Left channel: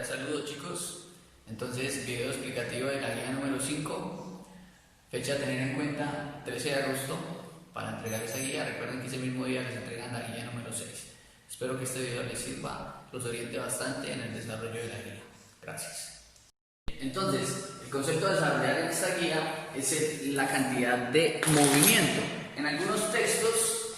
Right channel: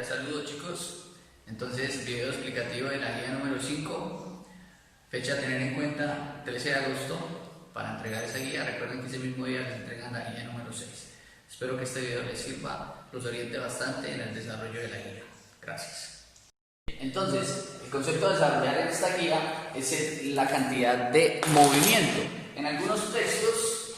Cordial saludo, chicos. Entonces, video explicativo de la guía número 5, fecha a tener en cuenta 13 de agosto para entregar esa guía. Recuerden que ese mismo día les entregan la guía número 6. Espero que este video les sirva, los oriente bastante en el desarrollo de la guía. Gracias. Entonces, el concepto a desarrollar en esta guía es la cantidad de movimiento. En algunos textos,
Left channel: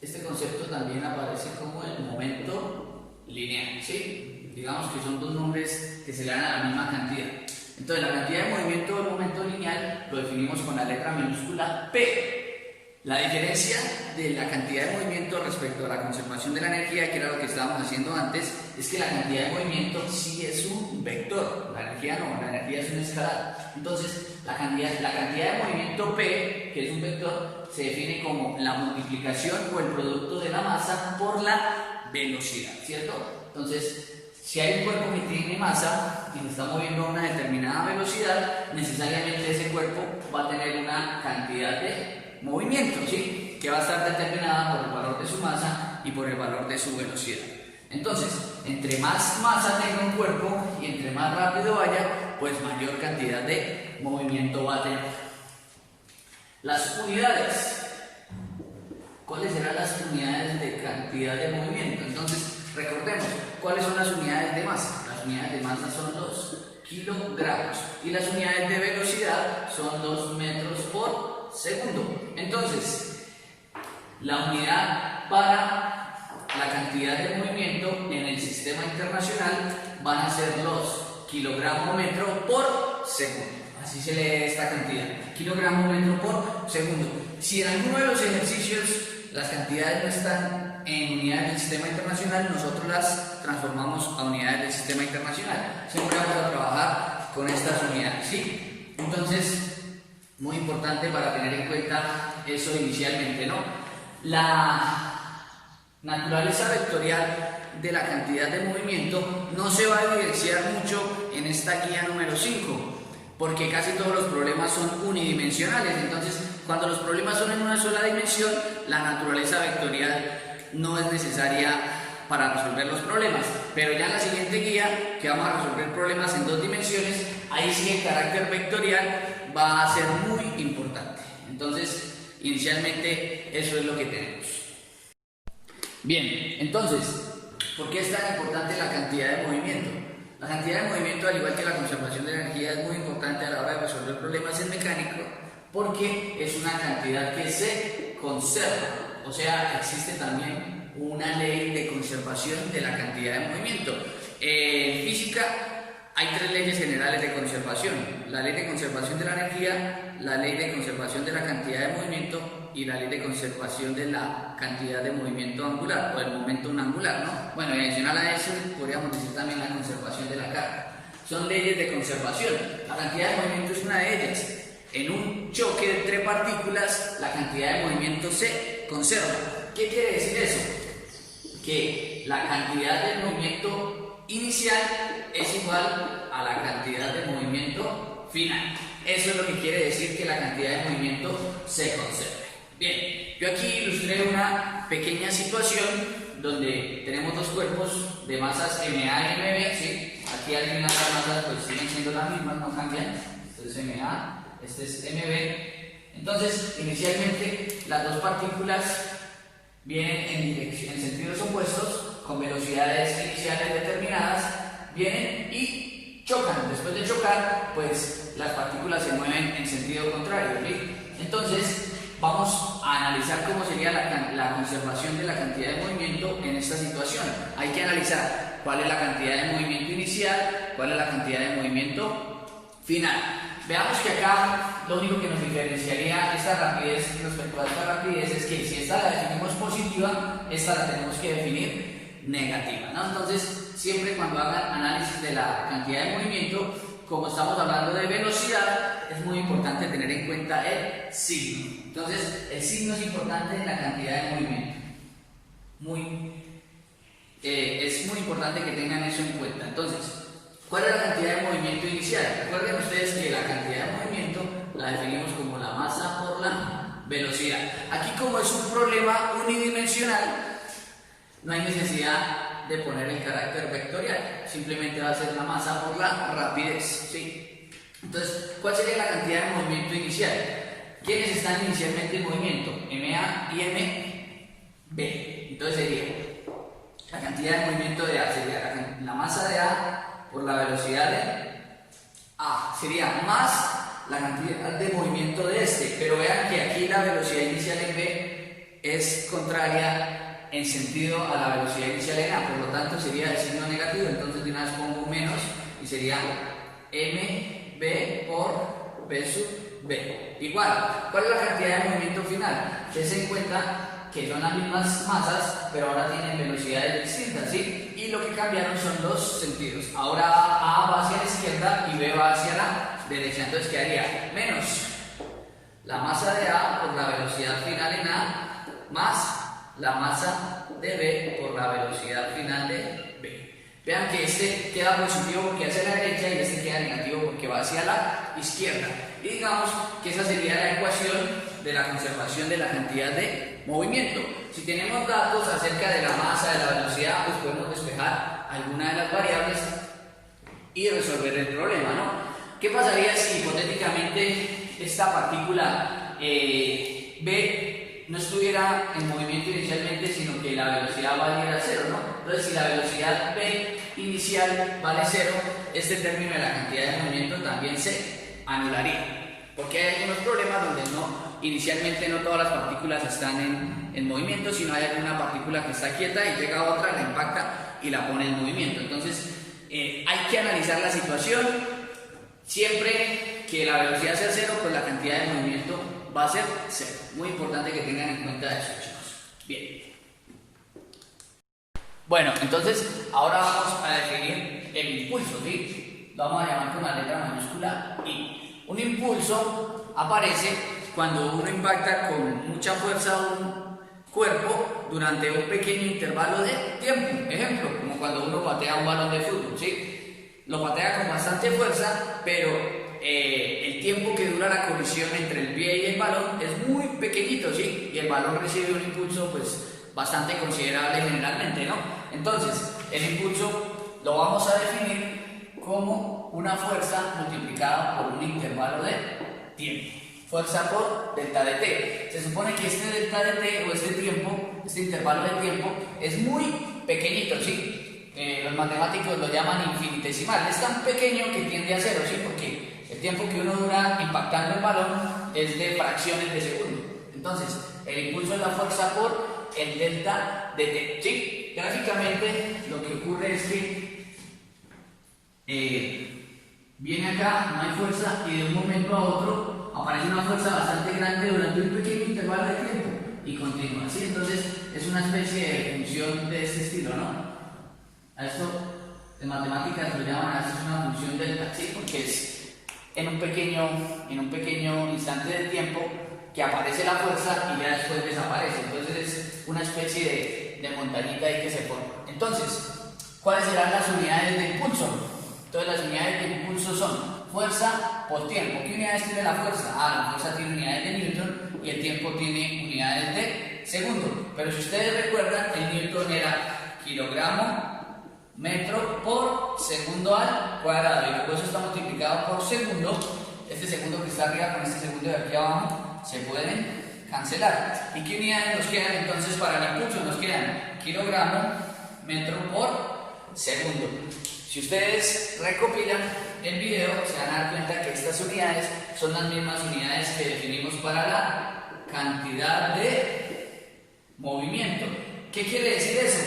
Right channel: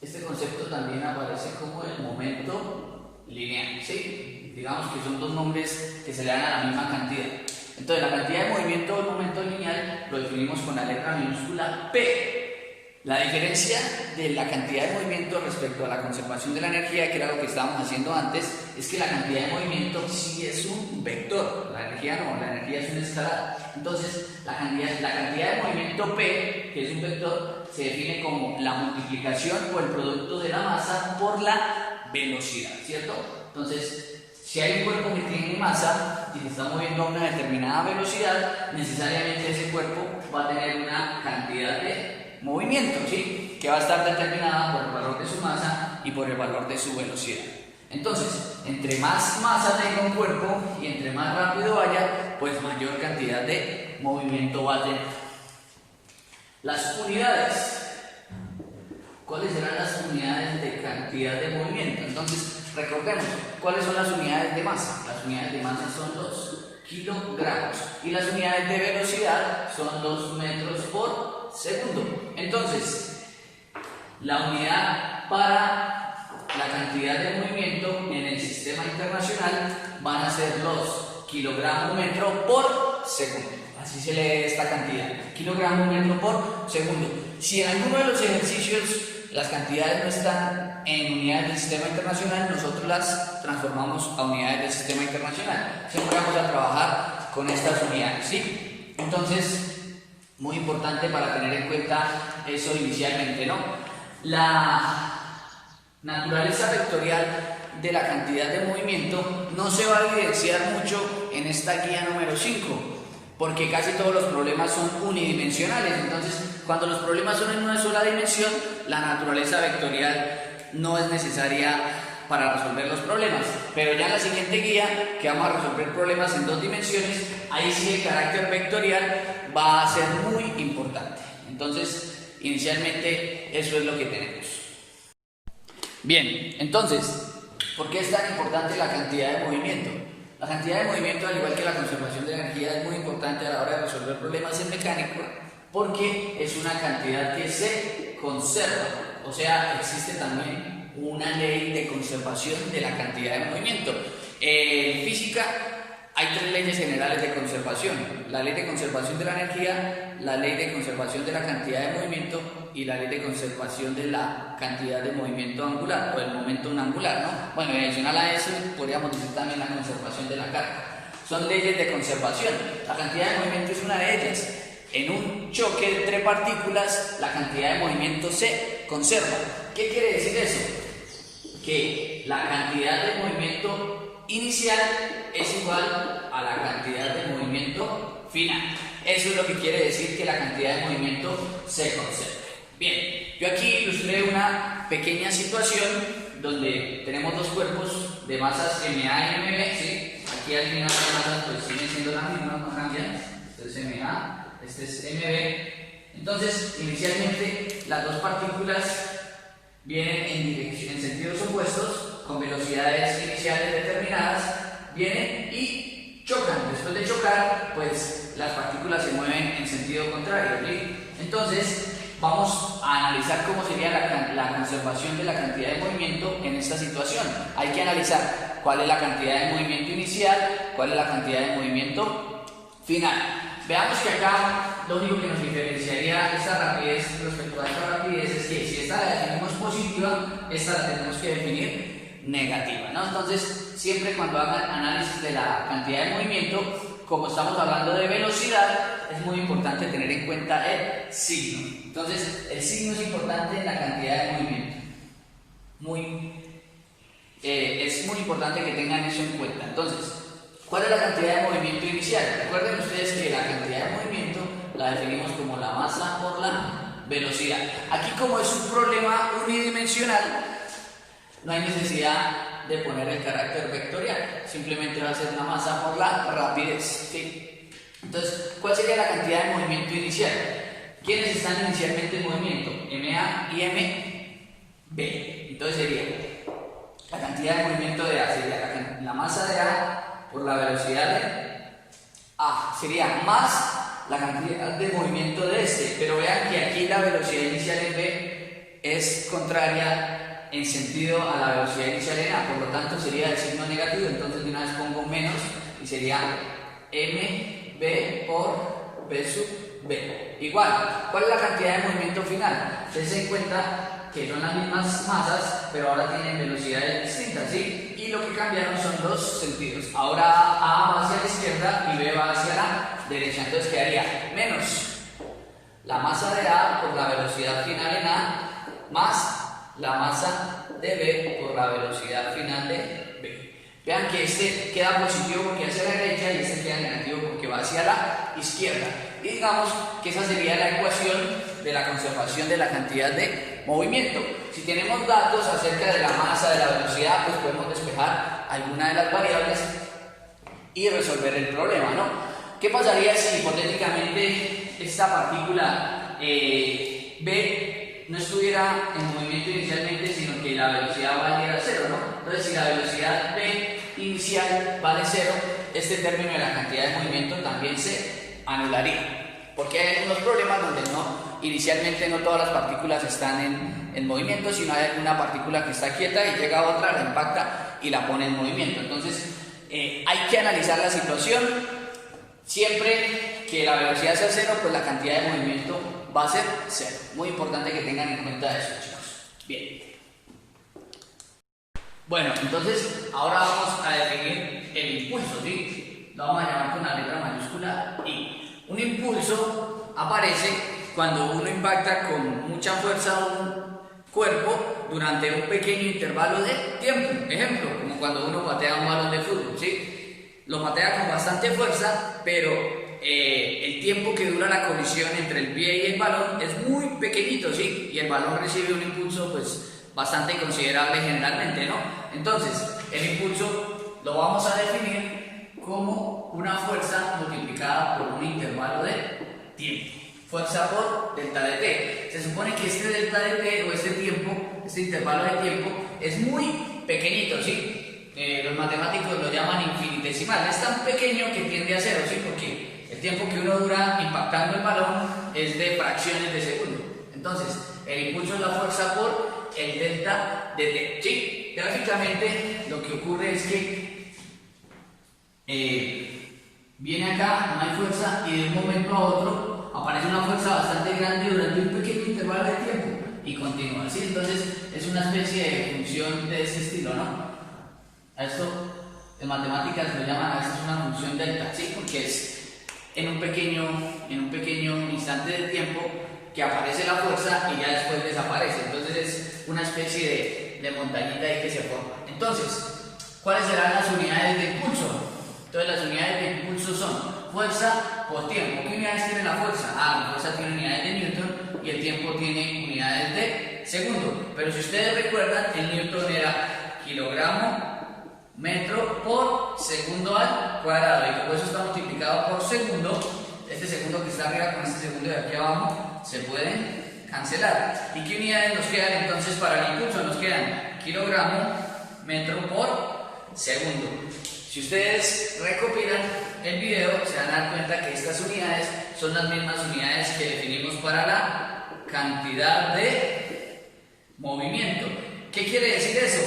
este concepto también aparece como el momento lineal, ¿sí? Digamos que son dos nombres que se le dan a la misma cantidad. Entonces, la cantidad de movimiento o el momento lineal lo definimos con la letra minúscula P. La diferencia de la cantidad de movimiento respecto a la conservación de la energía, que era lo que estábamos haciendo antes, es que la cantidad de movimiento sí es un vector, la energía no, la energía es una escalada. Entonces, la cantidad de movimiento P, que es un vector, se define como la multiplicación o el producto de la masa por la velocidad, ¿cierto? Entonces, si hay un cuerpo que tiene masa y se está moviendo a una determinada velocidad, necesariamente ese cuerpo va a tener una cantidad de movimiento, ¿sí? Que va a estar determinada por el valor de su masa y por el valor de su velocidad. Entonces, entre más masa tenga un cuerpo y entre más rápido vaya, pues mayor cantidad de movimiento va a tener. Las unidades. ¿Cuáles serán las unidades de cantidad de movimiento? Entonces, recordemos, ¿cuáles son las unidades de masa? Las unidades de masa son los kilogramos y las unidades de velocidad son los metros por segundo. Entonces, la unidad para la cantidad de movimiento en el sistema internacional van a ser los kilogramos metro por segundo. Así se lee esta cantidad, kilogramo metro por segundo. Si en alguno de los ejercicios las cantidades no están en unidades del sistema internacional, nosotros las transformamos a unidades del sistema internacional. Siempre vamos a trabajar con estas unidades, ¿sí? Entonces, muy importante para tener en cuenta eso inicialmente, ¿no? La naturaleza vectorial de la cantidad de movimiento no se va a evidenciar mucho en esta guía número 5, porque casi todos los problemas son unidimensionales. Entonces, cuando los problemas son en una sola dimensión, la naturaleza vectorial no es necesaria para resolver los problemas. Pero ya en la siguiente guía, que vamos a resolver problemas en dos dimensiones, ahí sí el carácter vectorial va a ser muy importante. Entonces, inicialmente eso es lo que tenemos. Bien, entonces, ¿por qué es tan importante la cantidad de movimiento? La cantidad de movimiento, al igual que la conservación de energía, es muy importante a la hora de resolver problemas en mecánica, porque es una cantidad que se conserva. O sea, existe también una ley de conservación de la cantidad de movimiento. En física hay tres leyes generales de conservación: la ley de conservación de la energía, la ley de conservación de la cantidad de movimiento y la ley de conservación de la cantidad de movimiento angular o el momento angular, ¿no? Bueno, adicional a eso podríamos decir también la conservación de la carga. Son leyes de conservación. La cantidad de movimiento es una de ellas. En un choque entre partículas, la cantidad de movimiento se conserva. ¿Qué quiere decir eso? Que la cantidad de movimiento inicial es igual a la cantidad de movimiento final. Eso es lo que quiere decir que la cantidad de movimiento se conserve. Bien, yo aquí ilustré una pequeña situación donde tenemos dos cuerpos de masas MA y MB, ¿sí? Aquí al final las masas pues siguen siendo las mismas, no cambian. Esto es MA, este es MB. Entonces, inicialmente las dos partículas vienen en sentidos opuestos, con velocidades iniciales determinadas, vienen y chocan. Después de chocar, pues las partículas se mueven en sentido contrario, ¿sí? Entonces, vamos a analizar cómo sería la conservación de la cantidad de movimiento en esta situación. Hay que analizar cuál es la cantidad de movimiento inicial, cuál es la cantidad de movimiento final. Veamos que acá lo único que nos diferenciaría esta rapidez respecto a esta rapidez es que si esta la definimos positiva, esta la tenemos que definir negativa, ¿no? Entonces, siempre cuando hagan análisis de la cantidad de movimiento, como estamos hablando de velocidad, es muy importante tener en cuenta el signo. Entonces, el signo es importante en la cantidad de movimiento. Es muy importante que tengan eso en cuenta. Entonces, ¿cuál es la cantidad de movimiento inicial? Recuerden ustedes que la cantidad de movimiento la definimos como la masa por la velocidad. Aquí, como es un problema unidimensional, no hay necesidad de poner el carácter vectorial, simplemente va a ser la masa por la rapidez, ¿sí? Entonces, ¿cuál sería la cantidad de movimiento inicial? ¿Quiénes están inicialmente en movimiento? MA y MB. Entonces sería la cantidad de movimiento de A, sería la masa de A por la velocidad de A, sería más la cantidad de movimiento de este, pero vean que aquí la velocidad inicial en B es contraria en sentido a la velocidad inicial en A, por lo tanto sería de signo negativo, entonces de una vez pongo menos y sería MB por B sub B. Igual, ¿cuál es la cantidad de movimiento final? Dense en cuenta que son las mismas masas, pero ahora tienen velocidades distintas, ¿sí? Y lo que cambiaron son dos sentidos. Ahora A va hacia la izquierda y B va hacia la derecha. Entonces quedaría menos la masa de A por la velocidad final en A, más la masa de B por la velocidad final de B. Vean que este queda positivo porque hacia la derecha y este queda negativo porque va hacia la izquierda. Y digamos que esa sería la ecuación de la conservación de la cantidad de movimiento. Si tenemos datos acerca de la masa, de la velocidad, pues podemos despejar alguna de las variables y resolver el problema, ¿no? ¿Qué pasaría si hipotéticamente esta partícula B no estuviera en movimiento inicialmente, sino que la velocidad valiera 0, ¿no? Entonces, si la velocidad B inicial vale 0, este término de la cantidad de movimiento también se anularía. Porque hay unos problemas donde inicialmente no todas las partículas están en movimiento, sino hay alguna partícula que está quieta y llega otra, la impacta y la pone en movimiento. Entonces, hay que analizar la situación. Siempre que la velocidad sea 0, pues la cantidad de movimiento va a ser 0. Muy importante que tengan en cuenta eso, chicos. Bien. Bueno, entonces ahora vamos a definir el impulso, ¿sí? Lo vamos a llamar con la letra mayúscula I. Un impulso aparece cuando uno impacta con mucha fuerza un cuerpo durante un pequeño intervalo de tiempo. Ejemplo, como cuando uno patea un balón de fútbol, ¿sí? Lo patea con bastante fuerza, pero el tiempo que dura la colisión entre el pie y el balón es muy pequeñito, ¿sí? Y el balón recibe un impulso, pues, bastante considerable generalmente, ¿no? Entonces, el impulso lo vamos a definir como una fuerza multiplicada por un intervalo de tiempo. Fuerza por delta de t. Se supone que este delta de t o este tiempo, este intervalo de tiempo, es muy pequeñito, ¿sí? Los matemáticos lo llaman infinitesimal. Es tan pequeño que tiende a 0, ¿sí? Porque el tiempo que uno dura impactando el balón es de fracciones de segundo. Entonces, el impulso es la fuerza por el delta de t, ¿sí? Gráficamente, lo que ocurre es que viene acá, no hay fuerza, y de un momento a otro aparece una fuerza bastante grande durante un pequeño intervalo de tiempo y continúa, ¿sí? Entonces es una especie de función de ese estilo, ¿no? A esto en matemáticas lo llaman a veces una función delta, ¿sí? Porque es en un pequeño instante de tiempo que aparece la fuerza y ya después desaparece. Entonces es una especie de montañita ahí que se forma. Entonces, ¿cuáles serán las unidades de impulso? Entonces las unidades de impulso son fuerza por tiempo. ¿Qué unidades tiene la fuerza? La fuerza tiene unidades de Newton y el tiempo tiene unidades de segundo. Pero si ustedes recuerdan, el Newton era kilogramo metro por segundo al cuadrado. Y por eso está multiplicado por segundo. Este segundo que está arriba con este segundo de aquí abajo se pueden cancelar. ¿Y qué unidades nos quedan entonces para el impulso? Nos quedan kilogramo metro por segundo. Si ustedes recopilan el video, se van a dar cuenta que estas unidades son las mismas unidades que definimos para la cantidad de movimiento. ¿Qué quiere decir eso?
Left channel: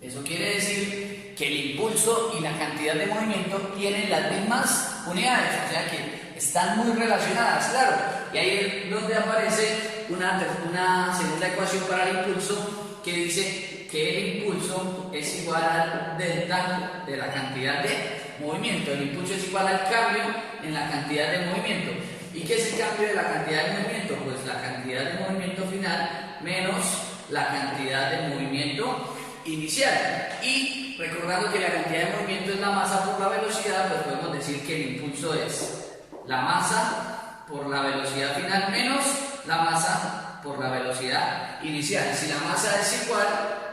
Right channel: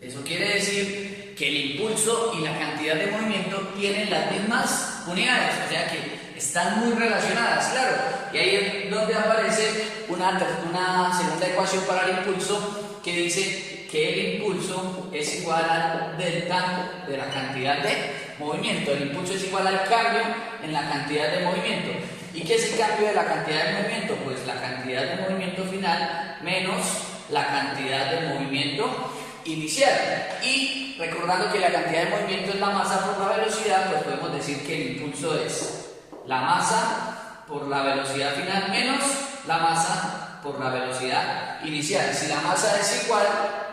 Eso quiere decir que el impulso y la cantidad de movimiento tienen las mismas unidades, o sea que están muy relacionadas, claro. Y ahí es donde aparece una segunda ecuación para el impulso que dice que el impulso es igual al delta de la cantidad de movimiento. El impulso es igual al cambio en la cantidad de movimiento. ¿Y qué es el cambio de la cantidad de movimiento? Pues la cantidad de movimiento final menos la cantidad de movimiento inicial. Y recordando que la cantidad de movimiento es la masa por la velocidad, pues podemos decir que el impulso es la masa por la velocidad final menos la masa por la velocidad inicial. Si la masa es igual,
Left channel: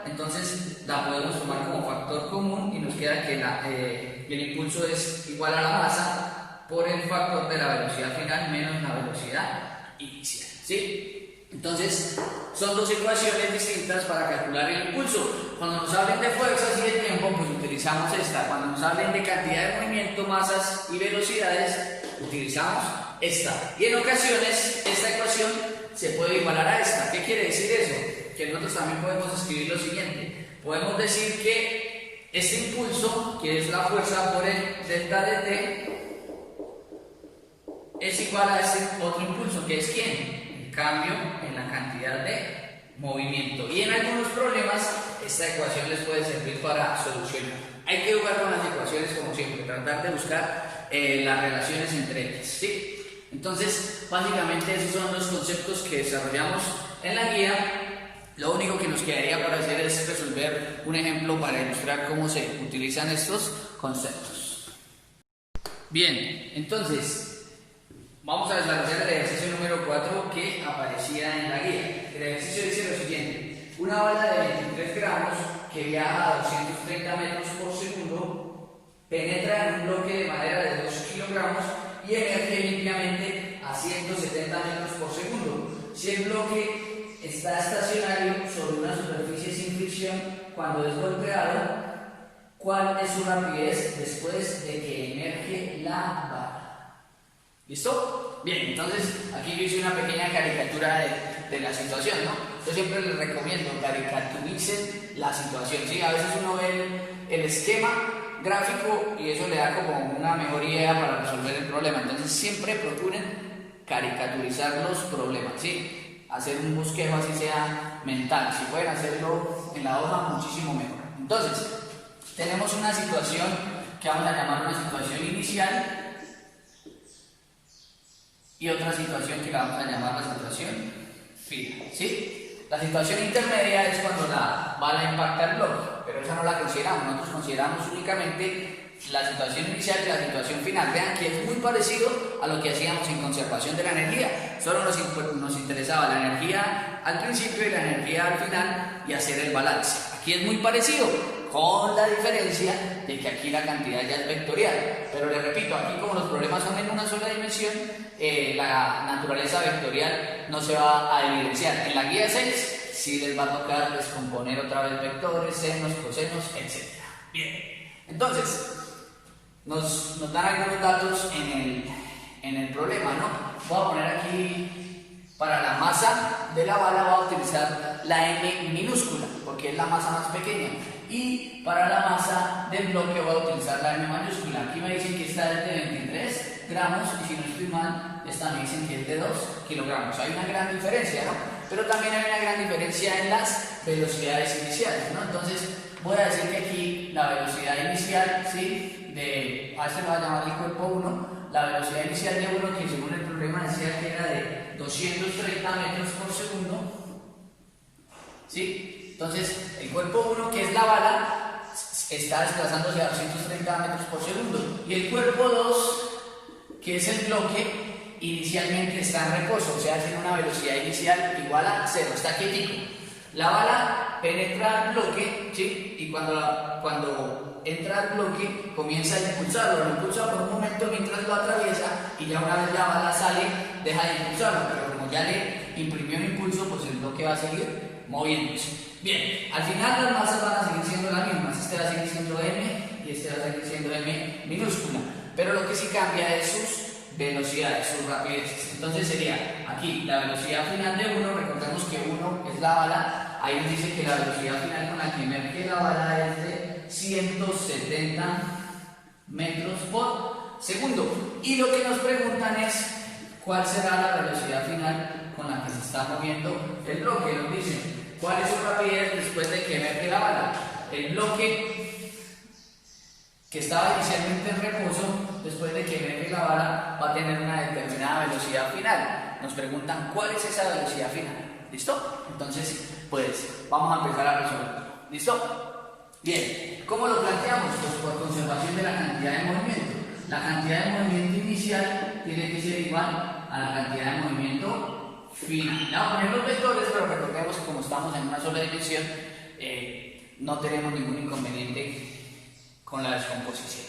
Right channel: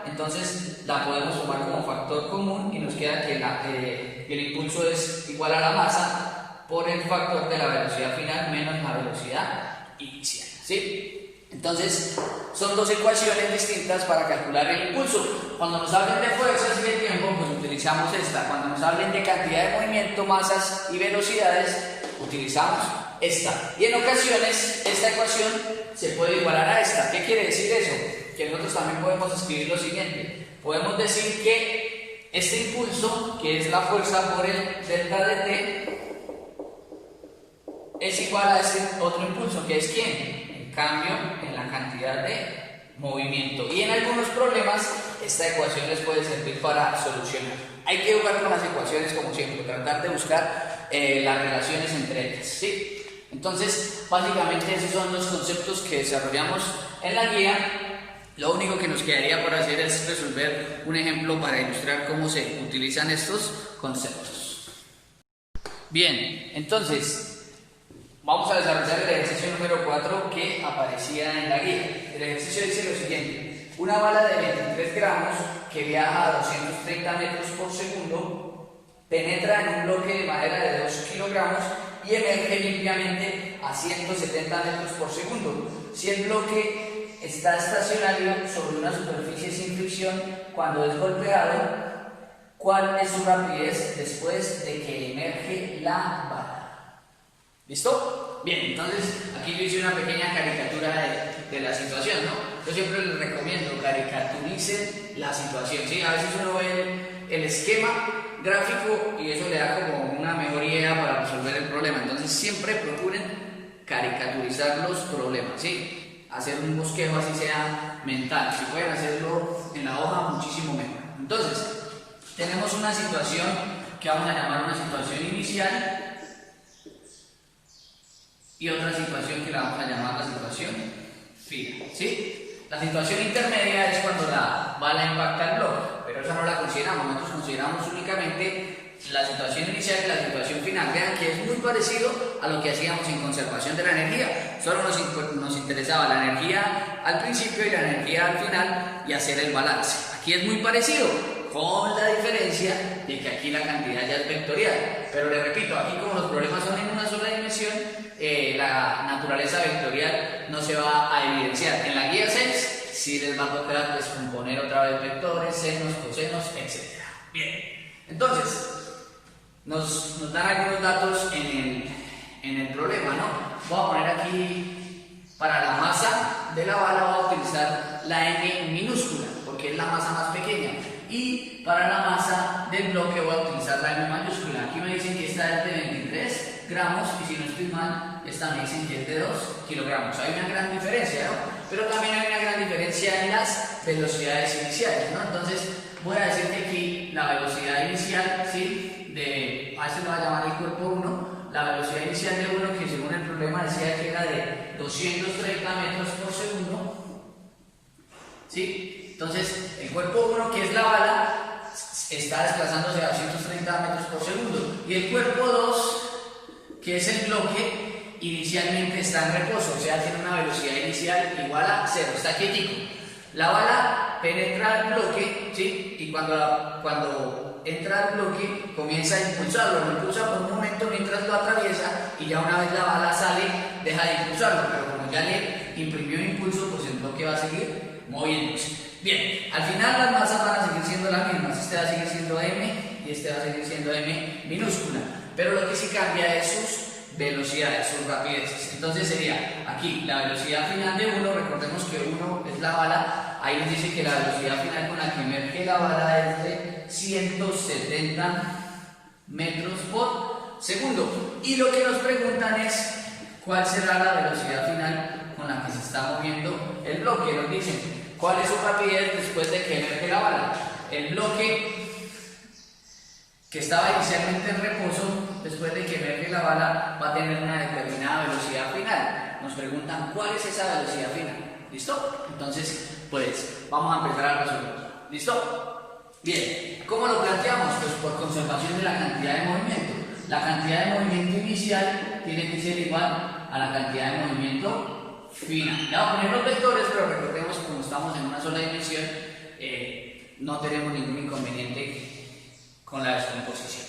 entonces la podemos tomar como factor común y nos queda que el impulso es igual a la masa por el factor de la velocidad final menos la velocidad inicial, ¿sí? Entonces, son dos ecuaciones distintas para calcular el impulso. Cuando nos hablen de fuerzas y de tiempo, pues utilizamos esta. Cuando nos hablen de cantidad de movimiento, masas y velocidades, utilizamos esta. Y en ocasiones, esta ecuación se puede igualar a esta. ¿Qué quiere decir eso? Que nosotros también podemos escribir lo siguiente. Podemos decir que este impulso, que es la fuerza por el delta de t, es igual a este otro impulso, que es ¿quién? Cambio en la cantidad de movimiento. Y en algunos problemas esta ecuación les puede servir para solucionar. Hay que jugar con las ecuaciones como siempre, tratar de buscar las relaciones entre ellas, ¿sí? Entonces, básicamente esos son los conceptos que desarrollamos en la guía. Lo único que nos quedaría por hacer es resolver un ejemplo para ilustrar cómo se utilizan estos conceptos. Bien, entonces vamos a desarrollar el ejercicio número 4 que aparecía en la guía. El ejercicio dice lo siguiente: una bala de 23 gramos que viaja a 230 metros por segundo penetra en un bloque de madera de 2 kilogramos y emerge limpiamente a 170 metros por segundo. Si el bloque está estacionario sobre una superficie sin fricción cuando es golpeado, ¿cuál es su rapidez después de que emerge la bala? ¿Listo? Bien, entonces aquí yo hice una pequeña caricatura de la situación, ¿no? Yo siempre les recomiendo caricaturicen la situación, ¿sí? A veces uno ve el esquema gráfico y eso le da como una mejor idea para resolver el problema. Entonces siempre procuren caricaturizar los problemas, ¿sí? Hacer un bosquejo así sea mental. Si pueden hacerlo en la hoja, muchísimo mejor. Entonces, tenemos una situación que vamos a llamar una situación inicial y otra situación que la vamos a llamar la situación final, ¿sí? La situación intermedia es cuando la bala impacta el bloque, pero esa no la consideramos. Nosotros consideramos únicamente la situación inicial y la situación final. Vean que es muy parecido a lo que hacíamos en conservación de la energía. Solo nos interesaba la energía al principio y la energía al final y hacer el balance. Aquí es muy parecido, con la diferencia de que aquí la cantidad ya es vectorial. Pero les repito, aquí como los problemas son en una sola dimensión, la naturaleza vectorial no se va a evidenciar. En la guía 6 sí les va a tocar descomponer otra vez vectores, senos, cosenos, etc. Bien, entonces nos dan algunos datos en el problema, ¿no? Voy a poner aquí, para la masa de la bala voy a utilizar la M minúscula, porque es la masa más pequeña. Y para la masa del bloque voy a utilizar la M mayúscula. Aquí me dicen que esta es de 23 gramos y si no estoy mal, esta me dicen que es de 2 kilogramos. Hay una gran diferencia, ¿no? Pero también hay una gran diferencia en las velocidades iniciales, ¿no? Entonces voy a decir que aquí la velocidad inicial, ¿sí? A este lo voy a llamar el cuerpo 1, la velocidad inicial de 1, que según el problema decía que era de 230 metros por segundo, ¿sí? Entonces, el cuerpo 1, que es la bala, está desplazándose a 230 metros por segundo. Y el cuerpo 2, que es el bloque, inicialmente está en reposo, o sea, tiene una velocidad inicial igual a 0, está quietico. La bala penetra el bloque, ¿sí? Y cuando entra al bloque, comienza a impulsarlo. Lo impulsa por un momento mientras lo atraviesa y ya una vez la bala sale, deja de impulsarlo. Pero como ya le imprimió un impulso, pues el bloque va a seguir moviéndose. Bien, al final las masas van a seguir siendo las mismas. Este va a seguir siendo M y este va a seguir siendo M minúscula. Pero lo que sí cambia es sus velocidades, sus rapideces. Entonces sería aquí la velocidad final de 1, recordemos que 1 es la bala. Ahí nos dice que la velocidad final con la que emerge la bala es de 170 metros por segundo. Y lo que nos preguntan es cuál será la velocidad final con la que se está moviendo el bloque. Nos dicen cuál es su rapidez después de que emerge la bala. El bloque que estaba inicialmente en reposo, después de que emerge la bala, va a tener una determinada velocidad final. Nos preguntan cuál es esa velocidad final. ¿Listo? Entonces, pues, vamos a empezar a resolverlo. ¿Listo? Bien, ¿cómo lo planteamos? Pues por conservación de la cantidad de movimiento. La cantidad de movimiento inicial tiene que ser igual a la cantidad de movimiento final. Le vamos a poner los vectores, pero recordemos que como estamos en una sola dimensión, no tenemos ningún inconveniente con la descomposición.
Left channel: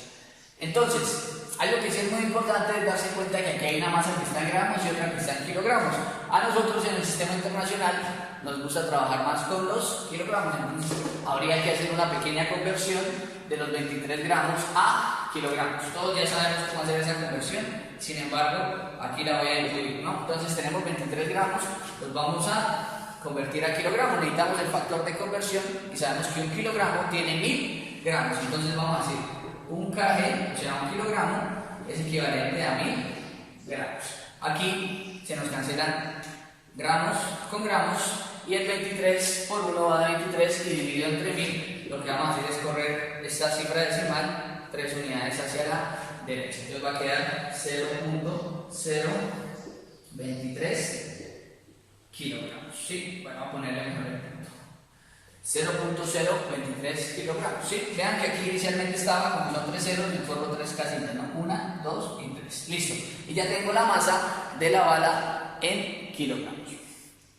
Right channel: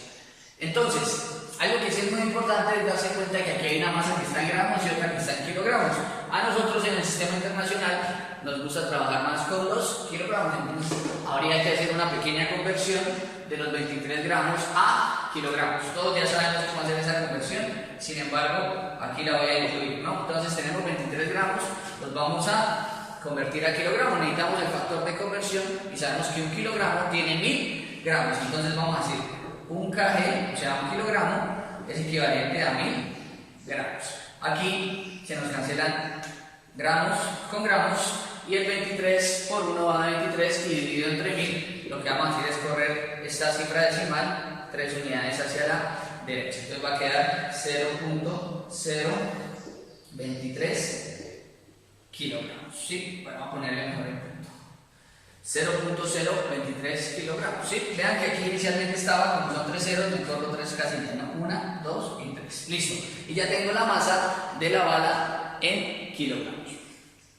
Entonces, algo que sí es muy importante es darse cuenta que aquí hay una masa que está en gramos y otra que está en kilogramos. A nosotros en el sistema internacional nos gusta trabajar más con los kilogramos, entonces habría que hacer una pequeña conversión de los 23 gramos a kilogramos. Todos ya sabemos cómo hacer esa conversión, sin embargo, aquí la voy a incluir, ¿no? Entonces tenemos 23 gramos, los vamos a convertir a kilogramos, necesitamos el factor de conversión y sabemos que un kilogramo tiene 1000 gramos, entonces vamos a decir un kg, o sea un kilogramo, es equivalente a 1000 gramos. Aquí se nos cancelan gramos con gramos y el 23 por 1 va a 23 y dividido entre 1000, lo que vamos a hacer es correr esta cifra decimal 3 unidades hacia la derecha, entonces va a quedar 0.023 kilogramos, ¿sí? Bueno, vamos a ponerle mejor el punto. 0.023 kilogramos, ¿sí? Vean que aquí inicialmente estaba, como son 3 ceros, me corro 3 casitas, ¿no? 1, 2 y 3. Listo. Y ya tengo la masa de la bala en kilogramos.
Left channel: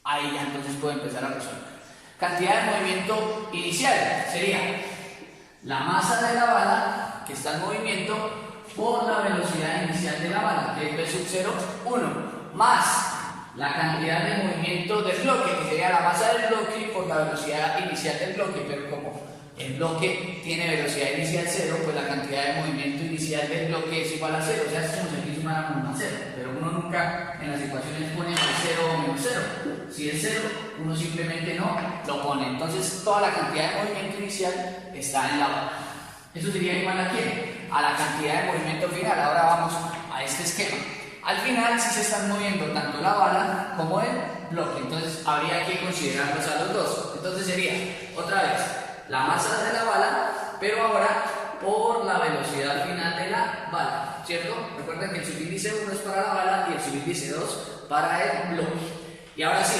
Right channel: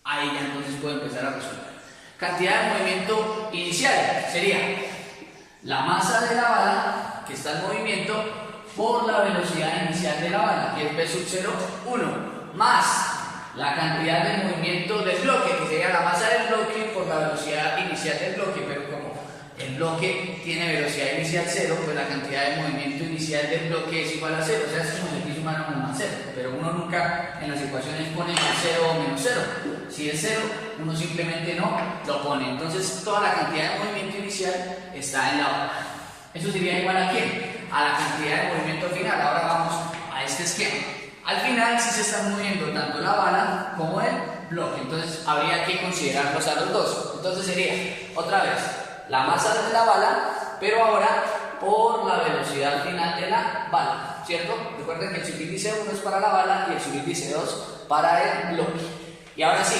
Ahí ya entonces puedo empezar a resolver. Cantidad de movimiento inicial sería la masa de la bala que está en movimiento por la velocidad inicial de la bala, que es v sub 0, 1, más la cantidad de movimiento del bloque, que sería la masa del bloque por la velocidad inicial del bloque, pero como el bloque tiene velocidad inicial 0, pues la cantidad de movimiento inicial del bloque es igual a 0, o sea, es como si aquí sumáramos más 0, pero uno nunca en las ecuaciones pone más 0 o menos 0, si es 0, uno simplemente no lo pone, entonces toda la cantidad de movimiento inicial está en la bala. ¿Eso sería igual a quién? A la cantidad de movimiento final. Ahora vamos a este esquema. Al final sí se están moviendo tanto la bala como el bloque, entonces habría que considerarlos a los dos. Entonces sería, otra vez, la masa de la bala, pero ahora por la velocidad final de la bala, ¿cierto? Recuerden que el subíndice 1 es para la bala y el subíndice 2 para el bloque. Y ahora sí,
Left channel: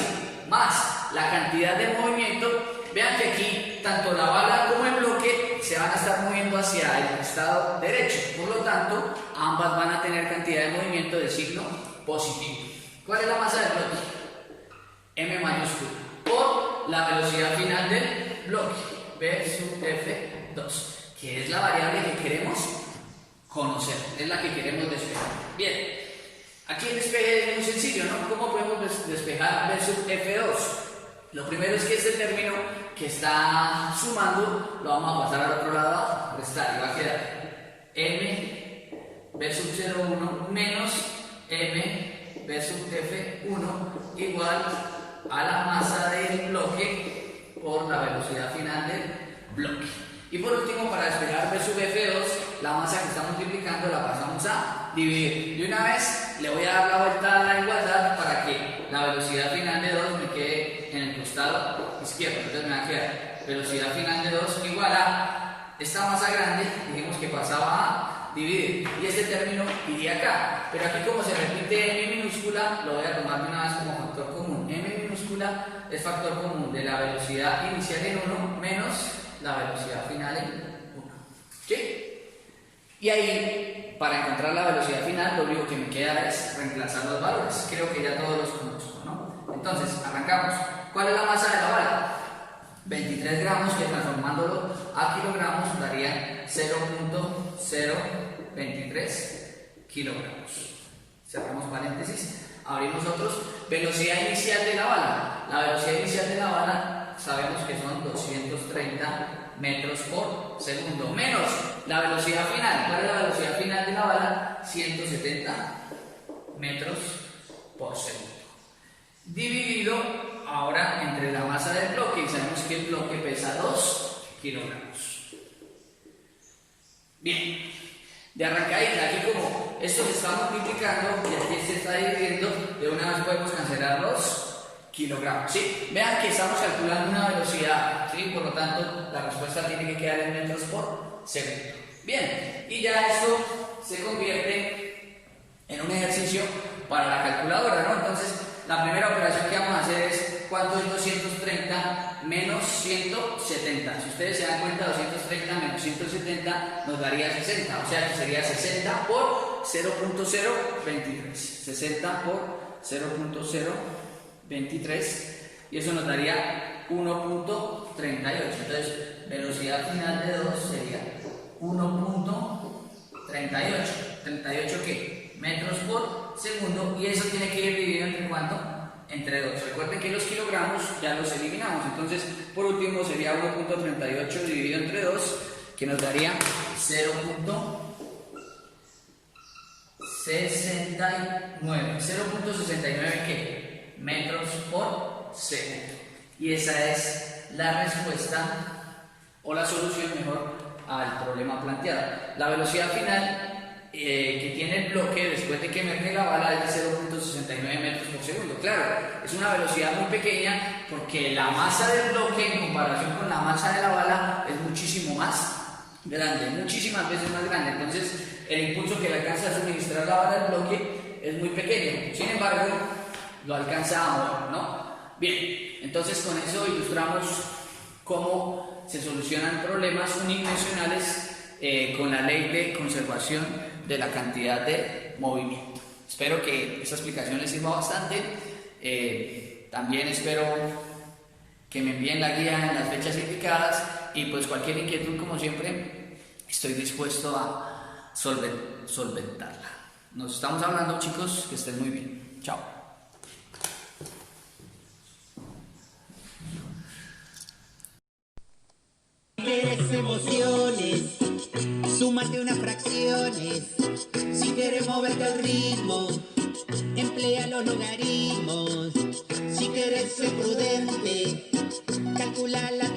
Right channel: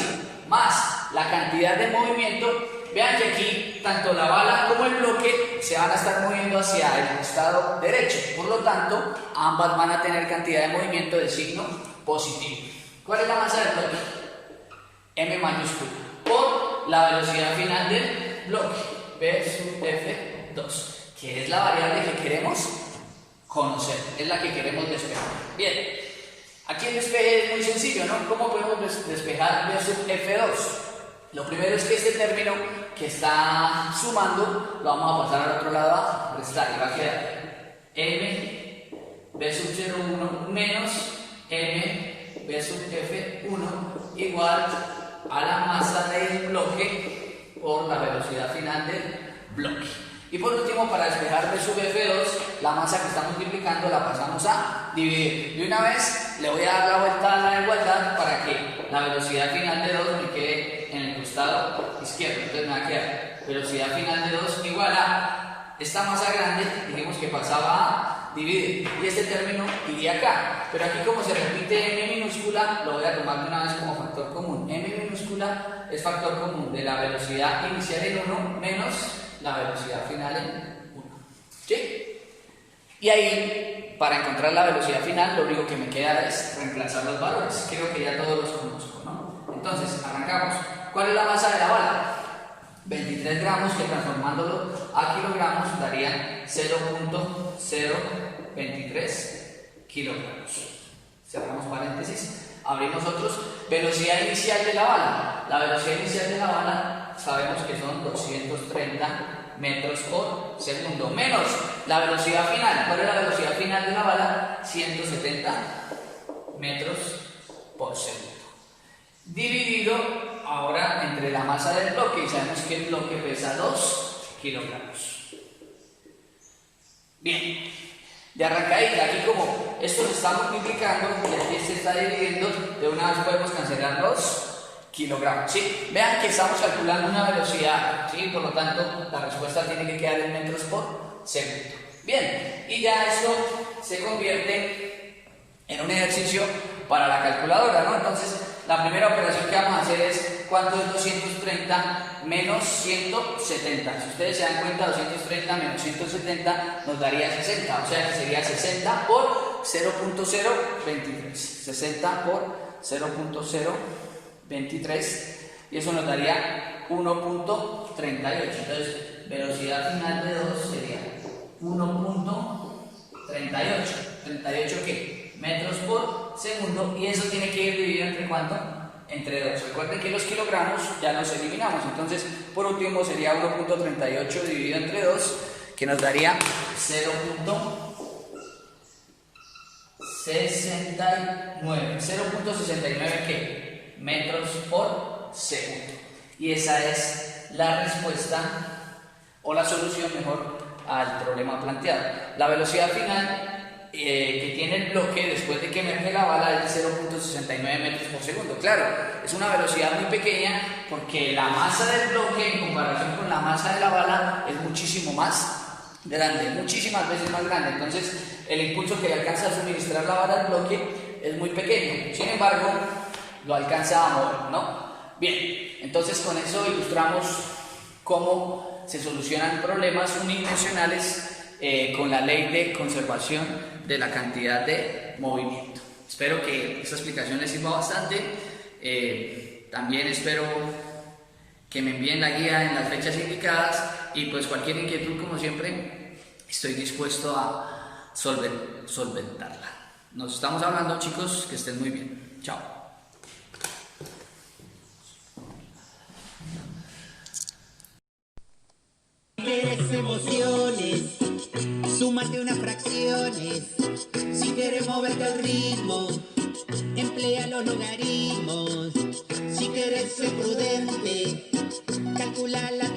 más la cantidad de movimiento. Vean que aquí tanto la bala como el bloque se van a estar moviendo hacia el costado derecho, por lo tanto ambas van a tener cantidad de movimiento de signo positivo. ¿Cuál es la masa del bloque? M mayúscula, por la velocidad final del bloque, V sub F2, que es la variable que queremos conocer, es la que queremos despejar. Bien, aquí el despeje es muy sencillo, ¿no? ¿Cómo podemos despejar V sub F2? Lo primero es que este término que está sumando lo vamos a pasar al otro lado a restar y va a quedar m v sub 0,1 menos m v sub f1 igual a la masa del bloque por la velocidad final del bloque. Y por último, para despejar v sub f2, la masa que está multiplicando la pasamos a dividir. Y una vez le voy a dar la vuelta a la igualdad para que la velocidad final de 2 me quede en el costado izquierdo. Entonces me va a quedar velocidad final de 2 igual a esta masa grande, dijimos que pasaba a dividir. Y este término iría acá. Pero aquí como se repite m minúscula, lo voy a tomar de una vez como factor común. M minúscula es factor común de la velocidad inicial en 1 menos la velocidad final en 1. ¿Sí? Y ahí, para encontrar la velocidad final, lo único que me queda es reemplazar los valores. Creo que ya todos los conozco, ¿no? Entonces, arrancamos. ¿Cuál es la masa de la bala? 23 gramos, que transformándolo a kilogramos darían 0.023 kilogramos. Cerramos paréntesis, abrimos otros. Velocidad inicial de la bala. La velocidad inicial de la bala sabemos que son 230 metros por segundo, menos la velocidad final. ¿Cuál es la velocidad final de la bala? 170 metros por segundo. Dividido ahora entre la masa del bloque, y sabemos que el bloque pesa 2 kilogramos. Bien, de arrancadita, aquí como esto se está multiplicando y aquí se está dividiendo, de una vez podemos cancelar los kilogramos, ¿sí? Vean que estamos calculando una velocidad, ¿sí? Por lo tanto, la respuesta tiene que quedar en metros por segundo. Bien, y ya esto se convierte en un ejercicio para la calculadora, ¿no? Entonces, la primera operación que vamos a hacer es ¿cuánto es 230 menos 170? Si ustedes se dan cuenta, 230 menos 170 nos daría 60, o sea que sería 60 por 0.023. 60 por 0.023. 23 y eso nos daría 1.38. Entonces, velocidad final de 2 sería 1.38. ¿38 qué? Metros por segundo, y eso tiene que ir dividido entre ¿cuánto? Entre 2. Recuerden que los kilogramos ya los eliminamos. Entonces, por último sería 1.38 dividido entre 2, que nos daría 0.69. 0.69 ¿qué? Metros por segundo. Y esa es la respuesta o la solución mejor al problema planteado. La velocidad final que tiene el bloque después de que emerge la bala es de 0.69 metros por segundo. Claro, es una velocidad muy pequeña porque la masa del bloque en comparación con la masa de la bala es muchísimo más grande, muchísimas veces más grande. Entonces el impulso que le alcanza a suministrar la bala al bloque es muy pequeño, sin embargo lo alcanza a mover, ¿no? Bien, entonces con eso ilustramos cómo se solucionan problemas unidimensionales con la ley de conservación de la cantidad de movimiento. Espero que esta explicación les sirva bastante. También espero que me envíen la guía en las fechas indicadas y pues cualquier inquietud, como siempre, estoy dispuesto a solventarla. Nos estamos hablando, chicos, que estén muy bien. Chao. Quieres emociones, súmate unas fracciones. Si quieres moverte al ritmo, emplea los logaritmos. Si quieres ser prudente, calcula la